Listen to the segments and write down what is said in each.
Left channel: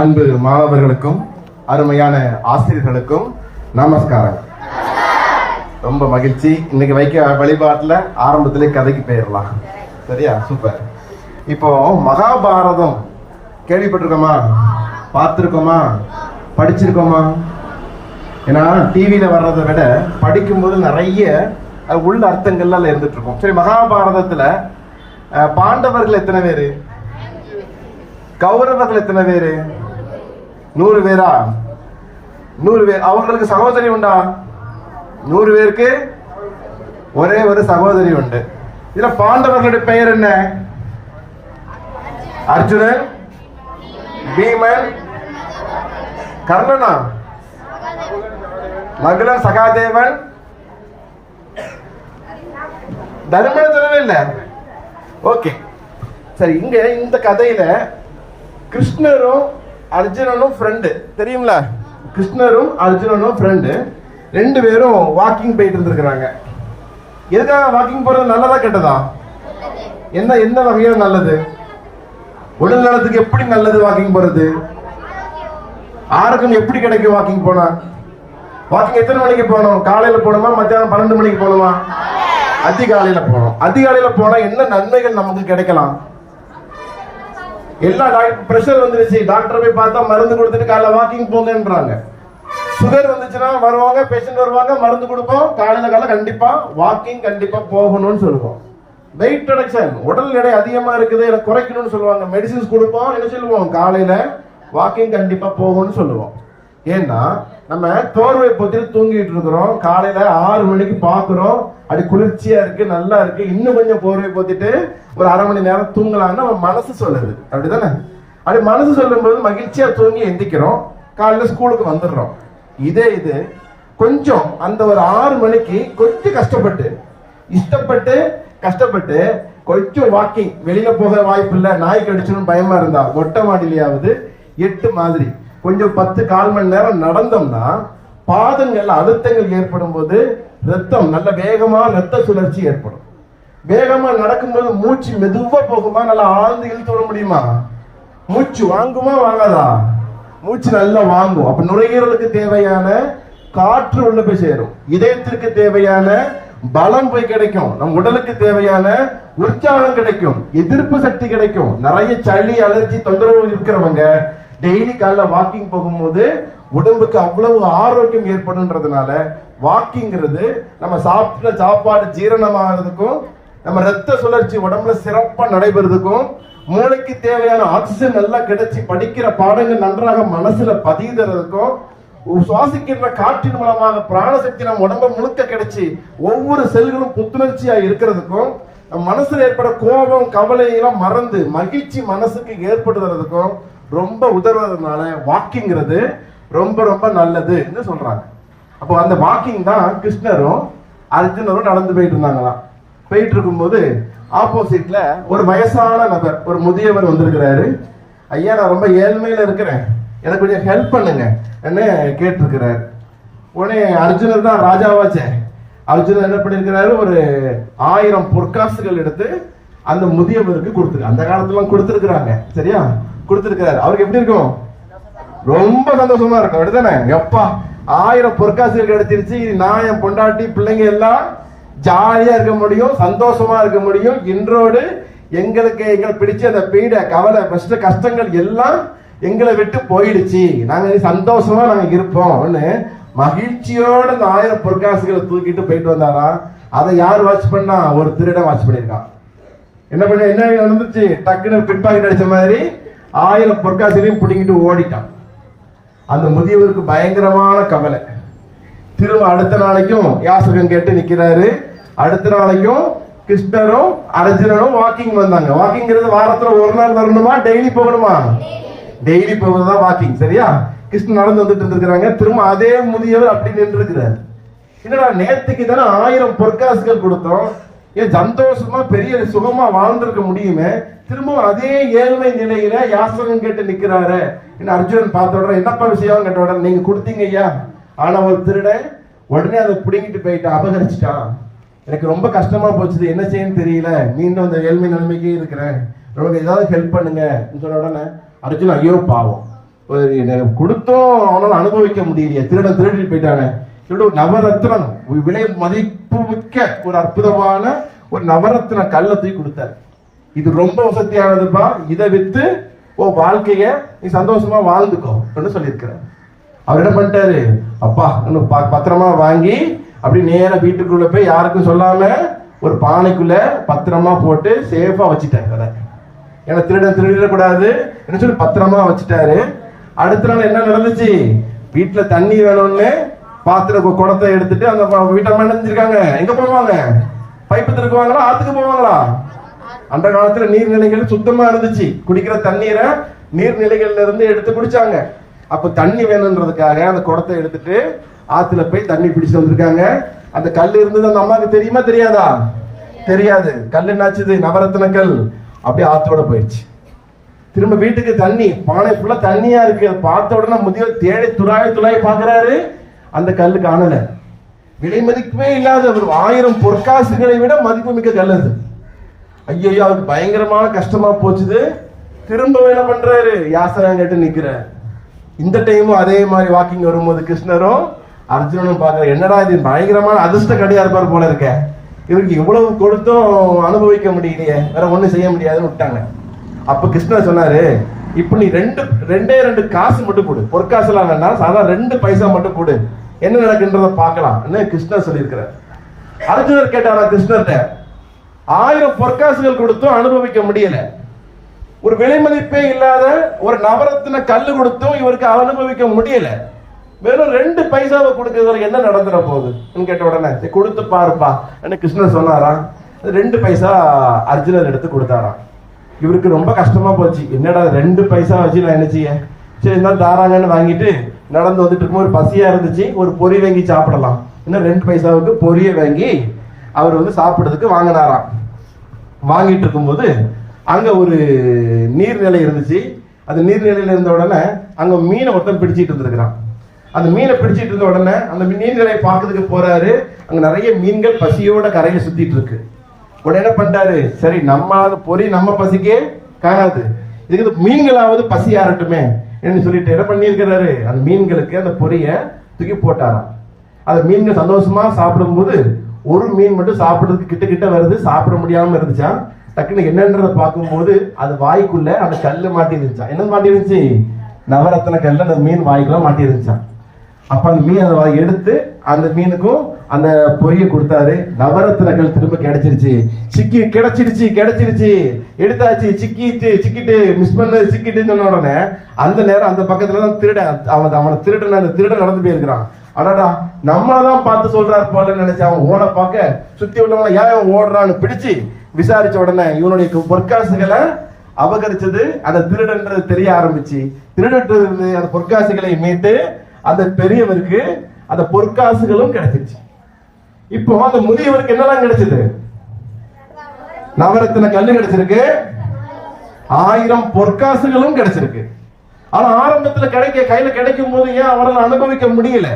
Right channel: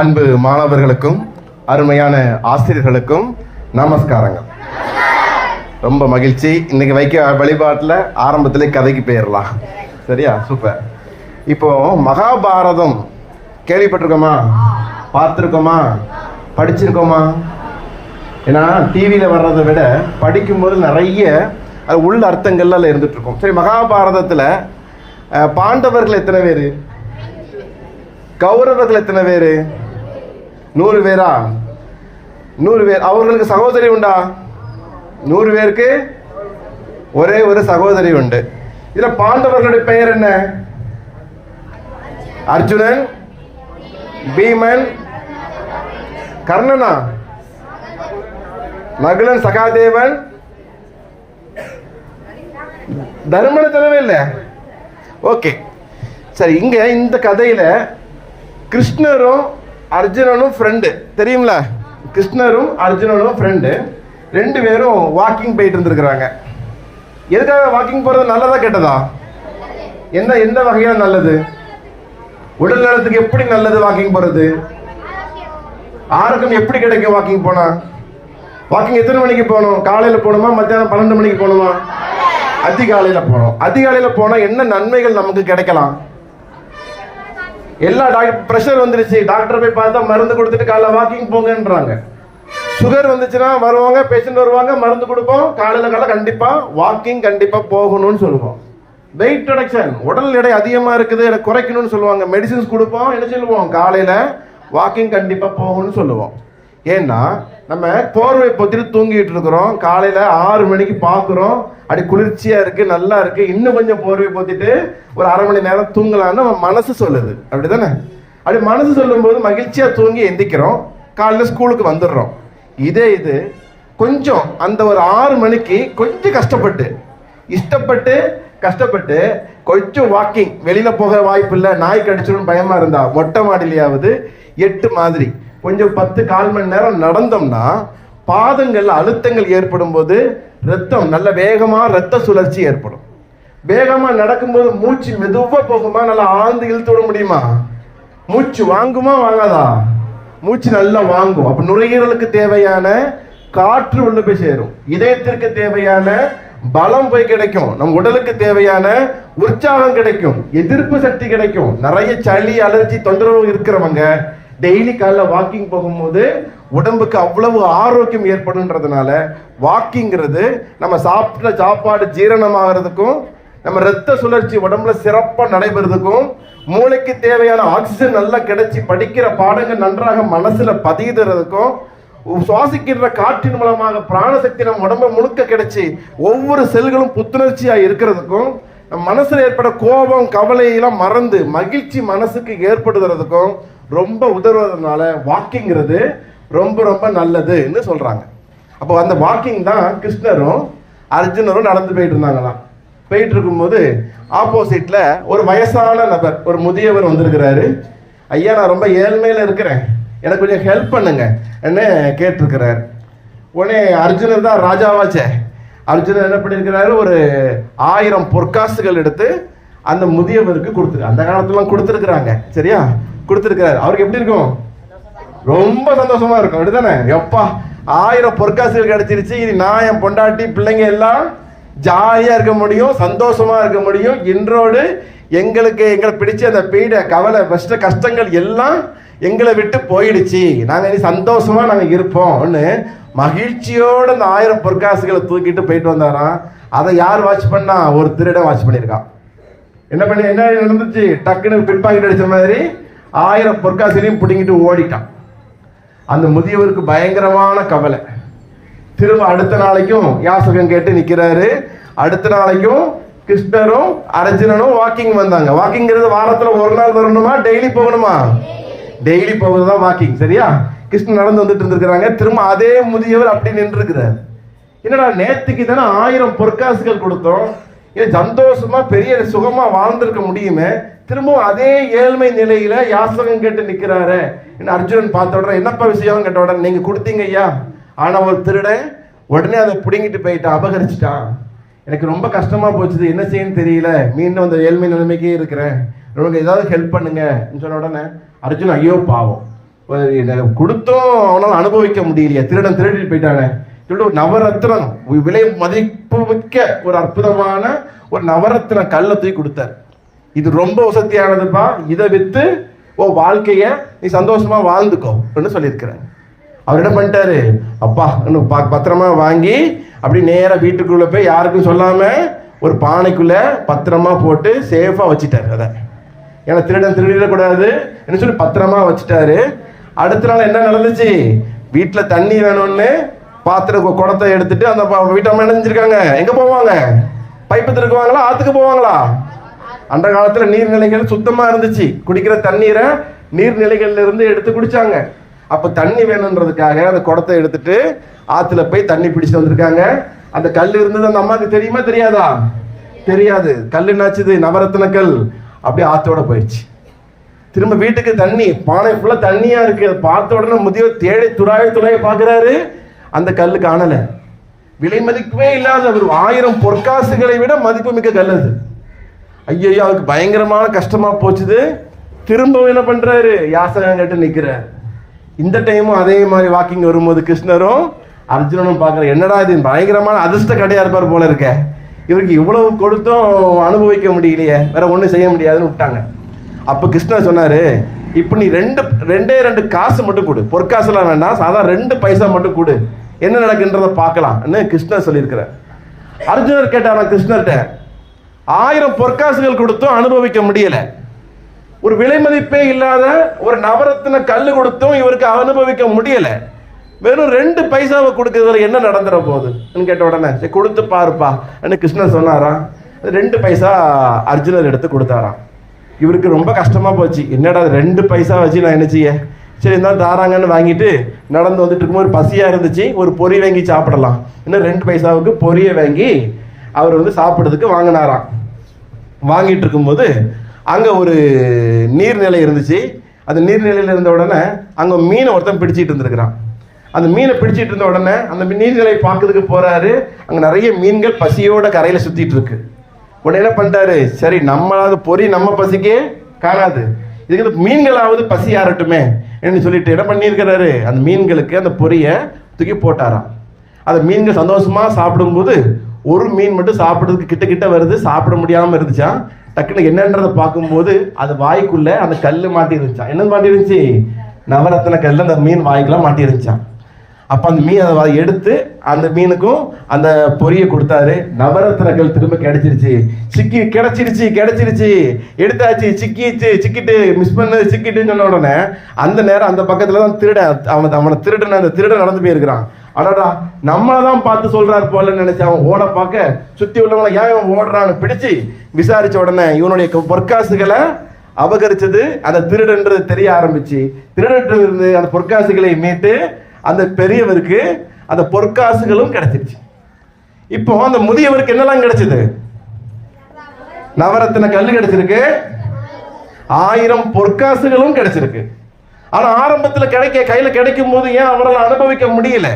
அன்பு மாணவர்களுக்கும் அருமையான ஆசிரியர்களுக்கும் நமஸ்காரங்கள். ரொம்ப மகிழ்ச்சி. இன்னைக்கு வைக்க வழிபாட்டில் ஆரம்பத்திலே கதைக்கு போயிடலாம் சரியா? சூப்பர் இப்போ மகாபாரதம் கேள்விப்பட்டிருக்கோமா? பார்த்துருக்கோமா? படிச்சிருக்கோமா? ஏன்னா டிவியில் வர்றதை விட படிக்கும்போது நிறைய உள்ள அர்த்தங்கள்ல இருந்துட்டு இருக்கும் சரி மகாபாரதத்தில் பாண்டவர்கள் எத்தனை பேர்? கௌரவர்கள் எத்தனை பேர்? நூறு பேரா? நூறு பேர். அவர்களுக்கு சகோதரி உண்டா? நூறு பேருக்கு ஒரே ஒரு சகோதரி உண்டு. இதுல பாண்டவர்களுடைய பெயர் என்ன? அர்ஜுனன் பீமன் கர்ணனா? நகுலன் சகாதேவன்? தர்மன சொல்லவே இல்லை. ஓகே. சரி இங்க இந்த கதையில கிருஷ்ணரும் அர்ஜுனனும் ஃப்ரெண்டு தெரியுங்களா கிருஷ்ணரும் அர்ஜுனனும் ஃப்ரெண்டு ரெண்டு பேரும் வாக்கிங் போயிட்டு இருந்திருக்கிறாங்க. எதுக்காக வாக்கிங் போறது? நல்லதா கெட்டதா? என்ன என்ன வகையான நல்லது? உடல் நலத்துக்கு எப்படி நல்லது வாக்கிங் போறது? ஆரோக்கியம் எப்படி கிடைக்கும் வாக்கிங் போனா? வாக்கிங் எத்தனை மணிக்கு போகணும்? காலையில போகணுமா? மத்தியானம் பன்னெண்டு மணிக்கு போகணுமா? அதிகாலையில போகணும். அதிகாலையில போனா என்ன நன்மைகள் நமக்கு கிடைக்கலாம்? எல்லா டாக்டர் பிரஷர் வந்துருச்சு. டாக்டர் போய் பார்த்தா மருந்து கொடுத்துட்டு காலைல வாக்கிங் போங்கன்றாங்க. சுகர் வந்துச்சுன்னா வருவாங்க பேஷண்ட் வருவாங்க மருந்து கொடுப்போம். காலையில் காலை கண்டிப்பா வாக்கிங் கண்டிப்பா போகணும்னு சொல்லுவோம். வெயிட் ரிடக்ஷன் உடல் எடை அதிகமா இருக்குது எடை குறைக்கணும்னு சொல்லுவாங்க. மெடிசின்ஸ் கொடுப்போம் என்ன சொல்லுவோம்? காலையில வாக்கிங் கண்டிப்பா போகணும்னு சொல்லுவோம். ஏன்னா நம்ம தோர்வை பொத்திட்டு தூங்கிட்டு இருக்கிறோம். காலையில ஆறு மணிக்கு பாக்குறோம். அப்படி குளிர்ச்சியா இருக்கு நல்லா இருக்கு. இன்னும் கொஞ்சம் போர்வை பொத்திட்டு ஒரு அரை மணி நேரம் தூங்கலாம்னு நம்ம மனசு சொல்லுது. அப்படிதானே? அப்படி மனசு சொல்லும்போது மகிழ்ச்சியா தூங்கி எந்திக்கிறோம். காலையில ஸ்கூலுக்கு வந்துடுறோம். இதே இது கொஞ்சம் அந்த ஒரு ஆறு மணிக்கு கொஞ்சம் கஷ்டப்பட்டு இஷ்டப்பட்டு கஷ்டப்பட்டு கொஞ்சம் வாக்கிங் வெளியில போக வாய்ப்பு இல்லை. நாய் கடிச்சிடும் பயமா இருந்தா மொட்டை மாடிலையாவது எட்டு மாதிரி. கொஞ்சம் பத்து கால் மணி நேரம் நடந்தோம்னா பாதங்கள் அழுத்தங்கள் ஏற்படும் போது ரத்தம் நல்ல வேகமா ரத்த சுழற்சி ஏற்படும். வேகமா நடக்கும்போது மூச்சு மெதுவா போகுமா? நல்லா ஆழ்ந்து இழுத்து விட முடியுமா? மூச்சு வாங்குமா வாங்காதா? மூச்சு நல்லா வாங்கும். அப்ப நுரையீரலுக்கு தேவையான காற்று உள்ள போய் சேரும். இதயத்திற்கு தேவையான பலம் போய் கிடைக்கும். நம் உடலுக்கு தேவையான உற்சாகம் கிடைக்கும். எதிர்ப்பு சக்தி கிடைக்கும். நிறைய சளி அலர்ஜி தொந்தரவு இருக்கிறவங்க டெய்லி காலைல வாக்கிங் போகும்போது உடம்புக்கு அவ்வளவு ஆரோக்கியம் ஏற்படும்ன்றதுனால வாக்கிங்கிறது நம்ம சாப்பிட்ட சாப்பாடு ஜீரணமாகிறதுக்கும் நம்ம ரத்த சுழற்சி உடம்புல சிறப்பாக நடைபெறதுக்கும் மூளைக்கு தேவையான ஆக்சிஜன் நல்லா கிடைச்சி படிக்கிற பாடங்கள் நன்றாக மனசுல பதியுறதுக்கும் சுவாசிக்கின்ற காற்றின் மூலமாக பிராணசக்தி நம்ம உடம்ப முழுக்க கிடைச்சி ஒவ்வொரு செல்களும் புத்துணர்ச்சியா இருக்கிறதுக்கும் நம்ம மனசுல ஏற்பட கோபம் கவலை எல்லாம் மறந்து மகிழ்ச்சி மனசுக்கு ஏற்படுறதுக்கும் ரொம்ப உதவுறதுனால வாக்கிங்கிறது ரொம்ப ரொம்ப நல்லதுன்னு சொல்றாங்க. அப்போ அந்த வாக்கிங் தான் கிருஷ்ணரும் அர்ஜுனரும் நடந்து போயிட்டு இருந்தாங்களாம். போயிட்டு இருக்கும்போது ஆப்போசிட்ல ஒரு வயசான நபர் ஒரு முதியவர் வந்திருக்கிறாரு. ஐயா நான் ரொம்ப ஏழ்மையில இருக்கிறேன். எனக்கு கொஞ்சம் ஹெல்ப் பண்ணுங்க. என்ன கேட்டிருக்கிறார். உடனே அர்ஜுனர் தான் ராஜாவாச்சே. அர்ஜுனர் என்ன பண்ணியிருக்கிறாரு? ஒரு ஆயிரம் பொற்காசுகள் எடுத்து அந்த முதியவருக்கு கொடுத்துரு அந்த காலத்துல கொடுத்துருக்குறாங்க. சரியா? கொடுத்துருக்கிறாரு. அவருக்கு எப்படி இருக்கும்? ரொம்ப சந்தோஷமா இருக்கும். அப்படிதானே எப்பா ஆயிரம் பொற்காசுகள் கிடைச்சிருச்சு. இது நான் என் பொண்டாட்டி பிள்ளைங்க எல்லாம் ஜாலியா இருக்க முடியும் சந்தோஷமா இருக்க முடியும். இன்றோடு எங்களுக்கு எங்களை பிடிச்ச அந்த பீட கவலை கஷ்ட கஷ்டங்கள் எல்லாம் எங்களை விட்டு போயிடுச்சு. நாங்க இனி சந்தோஷமா நாங்க இருப்போம்னு மகிழ்ச்சியோடு இந்த ஆயிரம் பொற்காசுகளை தூக்கிட்டு போயிட்டு வந்தாராம் அதை யார் வாட்ச் பண்ணா? ஒரு திருடன் வாட்ச் பண்ணியிருக்கான். என்ன பண்ண என்ன நடந்துச்சு? டக்குன்னு பிட்பாக்கெட் அடிச்ச மாதிரி ஆயிரம் பொற்காசிலையும் பிடிங்கிட்டு ஓடிட்டான். அந்த முதியவருக்கு பயங்கரமான கவலை. திரும்ப அடுத்த நாளைக்கும் யாசகம் கேட்டு நிக்கிறாரு. அடுத்த நாளைக்கும் கிருஷ்ணரும் அர்ஜுனனும் வாக்கிங் வந்தாங்க. வாக்கிங்கிறது வாரத்துல ஒரு நாள் வரணுமா? டெய்லி போகணுமா? டெய்லி போகுதுதான் வாக்கிங் சரியா? கிருஷ்ணன் நடந்து வந்துட்டு இருந்திருக்கிறாங்க. திரும்ப அதே முதியவர் அப்படி நின்று இருக்கிறார் என்னடா நேத்துக்கு தானே ஆயிரம் பொற்காசுகள் கொடுத்தோம். இது சந்தோஷமா பெரிய சுகமா வாழ்ந்திருக்க முடியுமே திரும்பவும் அதே ஏழ்மை நிலையில யாசகம் கேட்டு நிக்கிறாரு என்ன அர்ஜுனன் பார்த்த உடனே என்னப்பா விஷயம்? கேட்ட உடனே நீங்க கொடுத்தீங்க ஐயா. ஆனா ஒரு திருடன் உடனே அதை பிடுங்கிட்டு போயிட்டான் அபகரிச்சிட்டான். எனக்கு ரொம்ப கஷ்டமா போச்சுது என்ன செய்யன்னு தெரியல. மீண்டும் அந்த ஏழ்மை நிலைமைக்கே இருக்கிறேன். உங்களுக்கு ஏதாவது ஹெல்ப் பண்ணுங்க சொன்ன உடனே அர்ஜுன் ஐயோ பாவம். கொடுத்தும் அவனால அனுபவிக்க முடியலையே. திருடன் திருடிட்டு போயிட்டாங்க இவ்வளவு நவரத்னம் விலை மதிப்பு மிக்க ஒரு அற்புதமான ஒரு நவரத்ன கல்லை தூக்கி கொடுத்தார். இது ரொம்ப வசதியானதுப்பா. இதை வித்து ஓ வாழ்க்கைய நீ சந்தோஷமா வாழ்ந்துக்கோ அப்படின்னு சொல்லியிருக்கிறார். அவர் என்ன பண்ணிட்டாரு? அப்பா இன்னும் பத்திரமா வாங்கி அப்படி நேராக வீட்டுக்குள்ள போய் யாருக்கும் சொல்லாம ஒரு பானைக்குள்ள பத்திரமா போட்டு சேஃபா வச்சுட்டாரு அதை. ஏன்னா திருடன் திருடிடக்கூடாது என்ன சொல்லி பத்திரமா வச்சுட்டாரு. அடுத்த நாள் என்ன நடந்துச்சு? வீட்டுல தண்ணி வேணும்னு பாத்திர குடத்தை எடுத்துட்டு அந்த ப- வீட்டம்மா எங்க போவாங்க? பைப்பு திருக்குவாங்களா? ஆத்துக்கு போவாங்களா? அந்த காலத்துல நீர்நிலைகள் சுத்தமா இருந்துச்சு. குடிக்கிற தண்ணீரை நீர்நிலைகள்ல இருந்து எடுத்து குடிச்சாங்க. அப்ப தண்ணி வேணுன்றதுக்காக அந்த குடத்தை எடுத்துட்டு ஆத்துல போய் தண்ணி பிடிச்சிட்டு வந்திருக்காங்க. அந்த கல் இருந்தது அந்த அம்மாவுக்கு தெரியுமா தெரியாதா? தெரியாது. கல் என்னாச்சுது? நவரத்தின கல் அப்படியே ஆத்தோட போயிடுச்சு திரும்ப வீட்டுக்கு தண்ணி பானை ஃபுல்லா தண்ணியா இருக்கு. அதை பார்த்த உடனே முதியவர் தேடி துடாய துளாய பாக்குறாரு அந்த கல் காணல. விலை மதிப்பே இல்லாத ஒரு ஆயிரம் பொற்காசுகளை விட மதிப்பு மிக்க கல் அது. ஐயோ அவருக்கு பயங்கரமான கஷ்டமா போச்சுது. திரும்ப என்ன பண்றாரு? யாசகம் கேட்டு நிக்கிறார் இந்த டைமும் அதே மாதிரி வாக்கிங் வரும்போது கிருஷ்ணரும் அர்ஜுனனும் பார்க்கற என்னடா இது பயங்கரமான அதிர்ஷ்ட கடையா இருப்பார் போல இருக்க. இவருக்கு இவ்வளவு கொடுத்தும் அனுபவிக்க முடியலையே. வேற ஒண்ணும் செய்ய முடியாதுன்னு விட்டாங்க. அப்ப கிருஷ்ணர் சொன்னாரு இப்போ நீ ரெண்டு ரெண்டே ரெண்டு காசு மட்டும் கொடு பொற்காசுலாம் வேண்டாம் சாதாரண ரெண்டு பைசா மட்டும் கொடு என்ன நடக்குன்றத பார்க்கலாம். கிருஷ்ணர் சொல்லியிருக்கிறார் அர்ஜுனர் கேட்டாரா கிருஷ்ணர்கிட்ட? ஆயிரம் பொற்காசுகள் கொடுத்தும் அனுபவிக்க முடியல. ஒரு விலை மதிப்பே இல்லாத ஒரு நபரத்தின கல் கொடுத்தும் இவருக்கு அனுபவிக்க முடியல. வெறும் ரெண்டு பைசாவை கொடுக்கறதுல என்ன நடந்துட போகுது? கேட்ட உடனே சரி கொடுத்து பாருப்பா. என்ன கிருஷ்ணன் சொன்னாரா? ரெண்டு பைசா அர்ஜுனர் எடுத்து கொடுத்தாராம். இவருக்கு ரொம்ப கஷ்டமாக போச்சு. என்னடா ரெண்டு பைசா வச்சு நான் என்ன செய்ய? சரி இருந்தாலும் தாராங்கன்னு வாங்கிட்டு நடந்து வந்துட்டு இருக்கும்போது பசியாக இருந்துச்சு. ஒரு பொறி வாங்கி சாப்பிடலாம். இன்னும் ரெண்டு பைசாவுக்கு பொரியை வாங்கி அவர் வந்து சாப்பிட்றதுக்கு வாங்கினாராம். வாங்கிட்டு இருக்கும்போது அங்கே ஒரு நீர்நிலை இருந்துச்சு. அந்த நீர்நிலையில் இருந்த உடனே அங்கே மீனை ஒருத்தன் பிடிச்சிட்டு இருந்திருக்கிறான். அந்த மீனை பிடிச்சிட்டு இருந்த உடனே அந்த நீர்நிலையை பார்க்கறதுக்கு போகிறாரு அங்கே நிறைய மீன்கள் பசியோட கரையில் சுற்றிட்டு இருக்கு. உடனே என்ன பண்ணிட்டாரு. சரி நம்ம பொறி நம்ம பசிக்கே காணாது. இதுக்கு மீன்களாவது பசி ஆறட்டுமே என்று சொல்லிட்டு என்ன பண்ணியிருக்கிறாரு? அந்த மீன்களுக்கு அந்த பொரியை தூக்கி போட்டாராம். அந்த மீன்கள் சந்தோஷமா சாப்பிடும்போது ஒரு மீன் மட்டும் சாப்பிடுறதுக்கு கிட்ட கிட்ட வருது சாப்பிட முடியாம இருந்துச்சான் டக்குன்னு என்னன்றதை பார்க்கும்போது அது வாய்க்குள்ள அந்த கல் மாட்டி இருந்துச்சான் என்ன மாட்டி இருந்துச்சு நவரத்ன கல்லு அந்த மீன் வாய்க்குலாம் மாட்டி இருந்துச்சான் அப்ப அந்த மீன் அதை எடுத்து அந்த மீனுக்கும் அந்த பொரிய கொடுத்தாரு. நவரத்னங்கள் திரும்ப கிடைச்சிருச்சு. சிக்கி கிடைச்சிருச்சு கிடைச்சிருச்சு. எடுத்தாச்சு சிக்கிச்சு சிக்கிட்டு மிஸ் பண்ணது சிக்கிட்டுன்னு சொன்ன உடனே அந்த நேரம் அந்த பக்கத்துல தான் திருடன் அவன் அவனை திருடன் அந்த திருடன் நடந்து போயிருக்கிறான். அடாடா நம்மளை தான் பார்த்து சொல்றாரு போல நினைச்சு அவன் ஓட பார்க்க சுத்தி உள்ளவனை ஏன் ஓடுறான்னு பிடிச்சு விசாரிச்ச உடனே இவனுடைய பொற்காசுகளை அபகரிச்சது அந்த திருடன்றது தெரிய ஆரம்பிச்சு. திருடன்றது அந்த பொற்காசுகளை மீட்டு அந்த பெரியவருக்கு அந்த பொற்காசுகளும் கிடைச்சிருச்சு இப்போ அந்த முதியவருக்கு என்னெல்லாம் கிடைச்சது? நவரத்தின கல்லு கிடைச்சிருக்கு. ஆயிரம் பொற்காசுகளும் கிடைச்சிருக்கு. ஆனா ஆரம்பத்துல கிடைக்க கையில கிடைக்கும் போது ஏன் அவரால் அனுபவிக்க முடியல?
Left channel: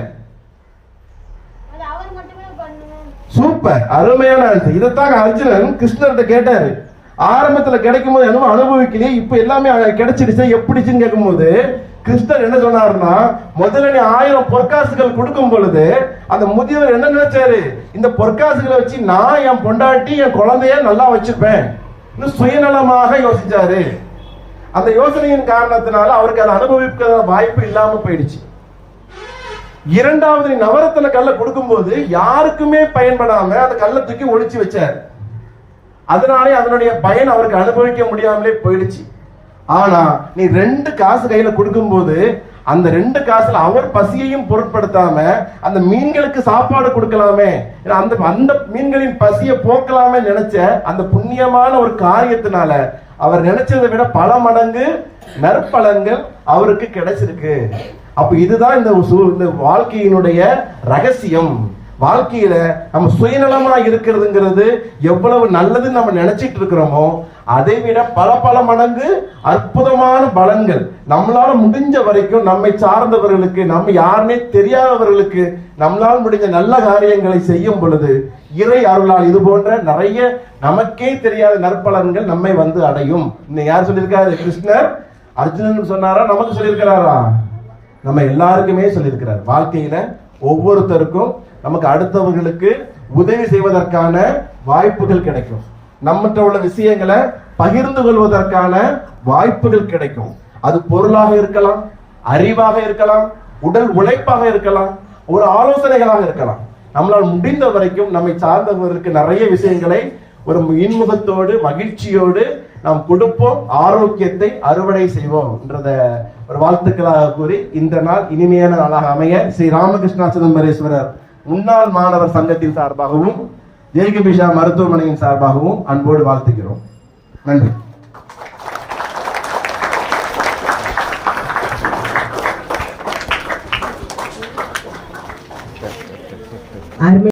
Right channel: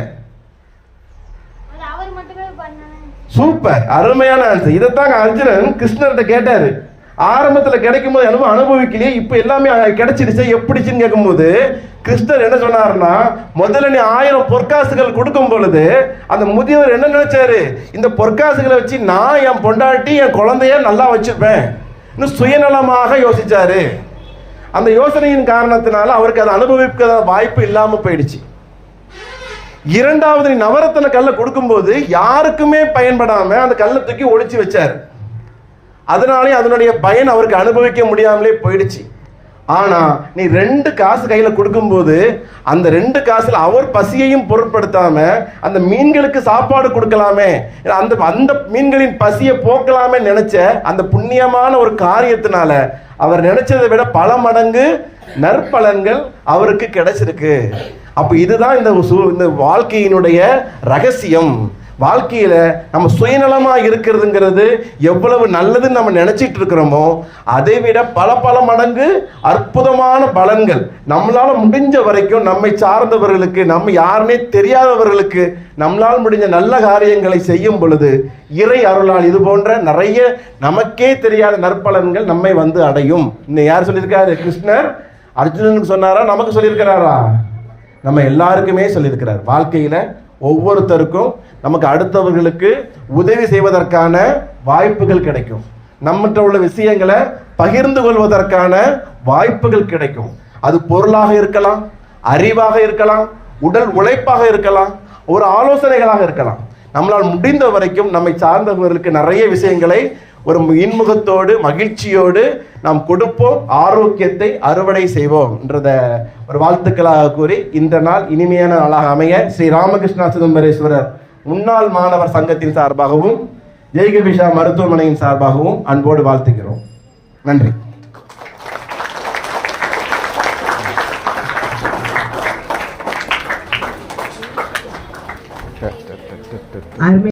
சூப்பர். அருமையான ஆன்சர் இதைத்தான் அர்ஜுனன் கிருஷ்ணர்கிட்ட கேட்டாரு. ஆரம்பத்தில் கிடைக்கும் போது என்னமோ அனுபவிக்கலையே இப்போ எல்லாமே கிடைச்சிருச்சு எப்படிச்சுன்னு கேட்கும்போது கிருஷ்ணர் என்ன சொன்னாருன்னா முதல்ல நீ ஆயிரம் பொற்காசுகள் கொடுக்கும் பொழுது அந்த முதியவர் என்ன நினைச்சாரு? இந்த பொற்காசுகளை வச்சு நான் என் பொண்டாட்டி என் குழந்தைய நல்லா வச்சுப்பேன் இன்னும் சுயநலமாக யோசிச்சாரு. அந்த யோசனையின் காரணத்தினால அவருக்கு அதை அனுபவிக்க வாய்ப்பு இல்லாம போயிடுச்சு. இரண்டாவது நீ நவரத்தின கல்லை கொடுக்கும்போது யாருக்குமே பயன்படாம அந்த கல்லை தூக்கி ஒழிச்சு வச்சார். அதனாலே அதனுடைய பயன் அவருக்கு அனுபவிக்க முடியாமலே போயிடுச்சு. ஆனா நீ ரெண்டு காசு கையில கொடுக்கும்போது அந்த ரெண்டு காசுல அவர் பசியையும் பொருட்படுத்தாம அந்த மீன்களுக்கு சாப்பாடு கொடுக்கலாமே அந்த அந்த மீன்களின் பசியை போக்கலாமே நினைச்ச அந்த புண்ணியமான ஒரு காரியத்தினால அவர் நினைச்சதை விட பல மடங்கு நற்பலன்கள் அவருக்கு கிடைச்சிருக்கு. அப்ப இதுதான் இந்த இந்த வாழ்க்கையினுடைய ரகசியம். வாழ்க்கையில நம்ம சுயநலமா இருக்கிறதுங்கிறது எவ்வளவு நல்லதுன்னு நம்ம நினைச்சிட்டு இருக்கிறோமோ அதை விட பல பல மடங்கு அற்புதமான பலன்கள் நம்மளால முடிஞ்ச வரைக்கும் நம்மை சார்ந்தவர்களுக்கு நம்ம யாருமே தெரியாதவர்களுக்கு நம்மளால் முடிஞ்ச நல்ல காரியங்களை செய்யும் பொழுது இறை அருளால் இது போன்ற நிறைய நமக்கே தெரியாத நற்பலன்கள் நம்மை வந்து அடையும். இன்னும் யார் சொல்லியிருக்காரு? கிருஷ்ணர்? அர்ஜுனன் சொன்னாரா? நமக்கு சொல்லியிருக்கிறாரா? நம்ம எல்லாருக்குமே சொல்லியிருக்கிறார். வாழ்க்கையில ஒவ்வொருத்தருக்கும் நமக்கு அடுத்தவர்களுக்கு உதவி செய்வதற்கான வாய்ப்புகள் கிடைக்கும். நம்மகிட்ட உள்ள விஷயங்களை பகிர்ந்து கொள்வதற்கான வாய்ப்புகள் கிடைக்கும். அது பொருளாக இருக்கலாம் அறிவாக இருக்கலாம் உடல் உழைப்பாக இருக்கலாம் ஒரு ஆலோசனைகளாக இருக்கலாம். நம்மளால் முடிந்த வரைக்கும் நம்மை சார்ந்தவர்களுக்கு நிறைய விஷயங்களை ஒரு இன்முகத்தோடு மகிழ்ச்சியோடு நாம் கொடுப்போம் ஆரோக்கியத்தை அறுவடை செய்வோம் என்றத ஒரு வாழ்த்துக்களாக கூறி இந்த நாள் இனிமையான நாளாக அமைய ஸ்ரீ ராமகிருஷ்ணா சிதம்பரேஸ்வரர் முன்னாள் மாணவர் சங்கத்தின் சார்பாகவும் ஜெய்கபிஷா மருத்துவமனையின் சார்பாகவும் அன்போடு வாழ்த்துகிறோம். நன்றி. அருமை